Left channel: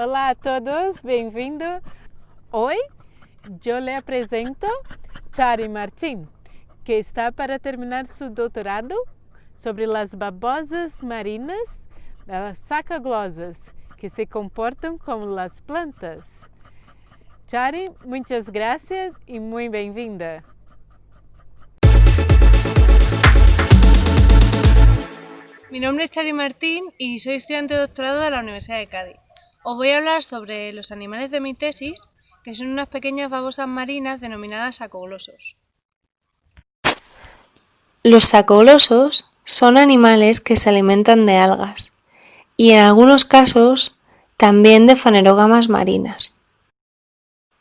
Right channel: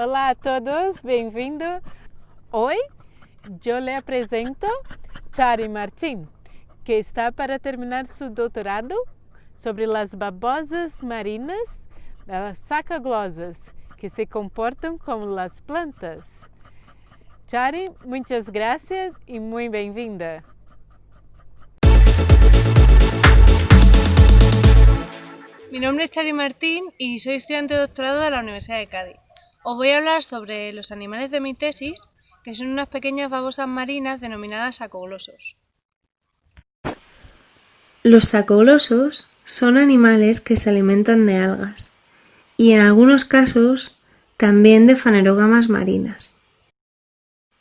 Olá a todos, bem-vindo. Hoy yo le presento Chari Martín, que está para terminar su doctorado sobre las babosas marinas, las sacaglosas, que se comportam como las plantas. Chari, muchas gracias y muy bem-vinda. Mi nombre es Chari Martín y soy estudiante de doctorado de la Universidad de Cádiz. Os voy a hablar sobre los animales de mi tesis, que son unas pequeñas babosas marinas denominadas sacoglosos. Los sacoglosos son animales que se alimentan de algas y en algunos casos también de fanerógamas marinas.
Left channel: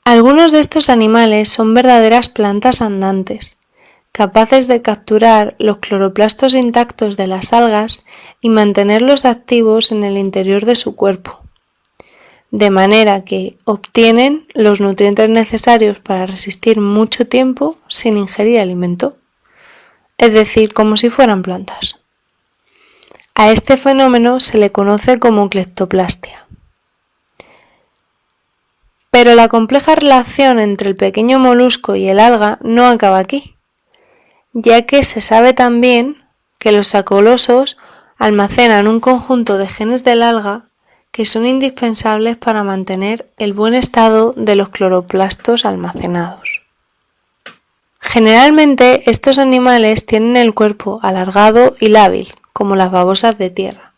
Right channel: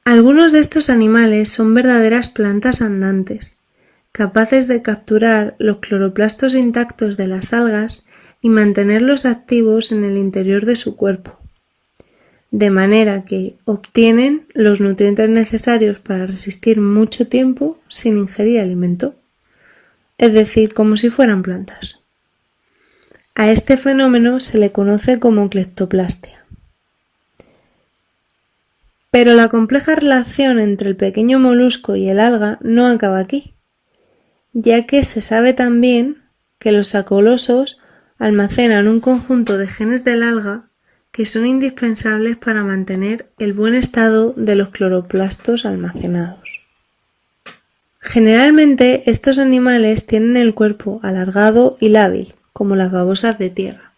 Algunos de estos animales son verdaderas plantas andantes, capaces de capturar los cloroplastos intactos de las algas y mantenerlos activos en el interior de su cuerpo, de manera que obtienen los nutrientes necesarios para resistir mucho tiempo sin ingerir alimento, es decir, como si fueran plantas. A este fenómeno se le conoce como cleptoplastia. Pero la compleja relación entre el pequeño molusco y el alga no acaba aquí, ya que se sabe también que los sacoglosos almacenan un conjunto de genes del alga que son indispensables para mantener el buen estado de los cloroplastos almacenados. Generalmente estos animales tienen el cuerpo alargado y lábil, como las babosas de tierra,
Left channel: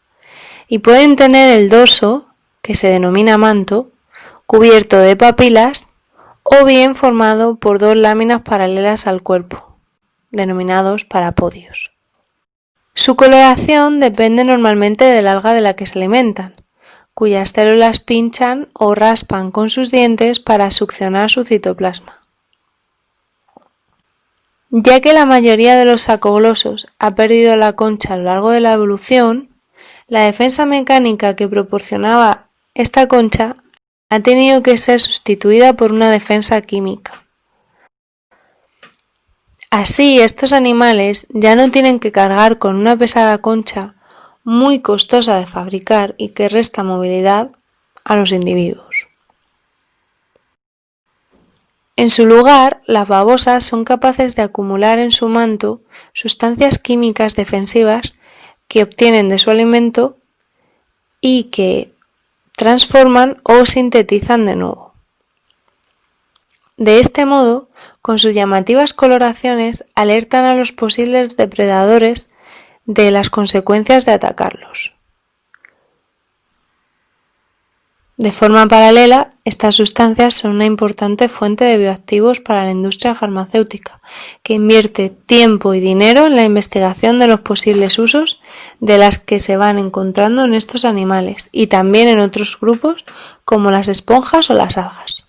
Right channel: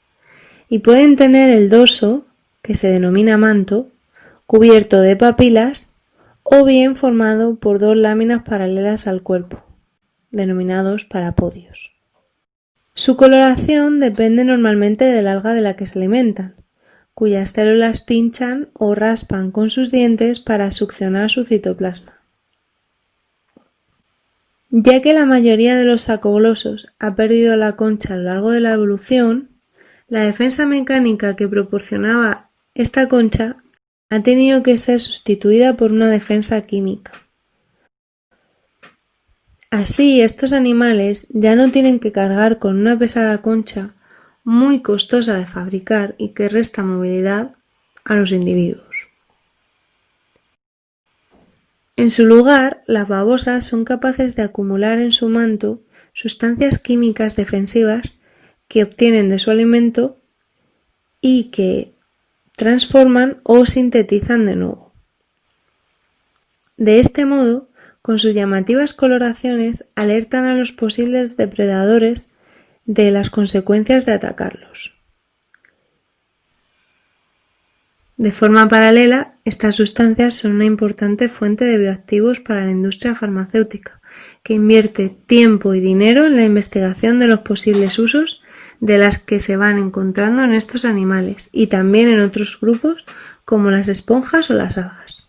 y pueden tener el dorso, que se denomina manto, cubierto de papilas o bien formado por dos láminas paralelas al cuerpo, denominados parapodios. Su coloración depende normalmente del alga de la que se alimentan, cuyas células pinchan o raspan con sus dientes para succionar su citoplasma. Ya que la mayoría de los sacoglosos ha perdido la concha a lo largo de la evolución, la defensa mecánica que proporcionaba esta concha ha tenido que ser sustituida por una defensa química. Así, estos animales ya no tienen que cargar con una pesada concha muy costosa de fabricar y que resta movilidad a los individuos. En su lugar, las babosas son capaces de acumular en su manto sustancias químicas defensivas que obtienen de su alimento y que transforman o sintetizan de nuevo. De este modo, con sus llamativas coloraciones, alertan a los posibles depredadores de las consecuencias de atacarlos. De forma paralela, estas sustancias son una importante fuente de bioactivos para la industria farmacéutica, que invierte tiempo y dinero en la investigación de los posibles usos de las que se van encontrando en estos animales y también en otros grupos como las esponjas o las algas.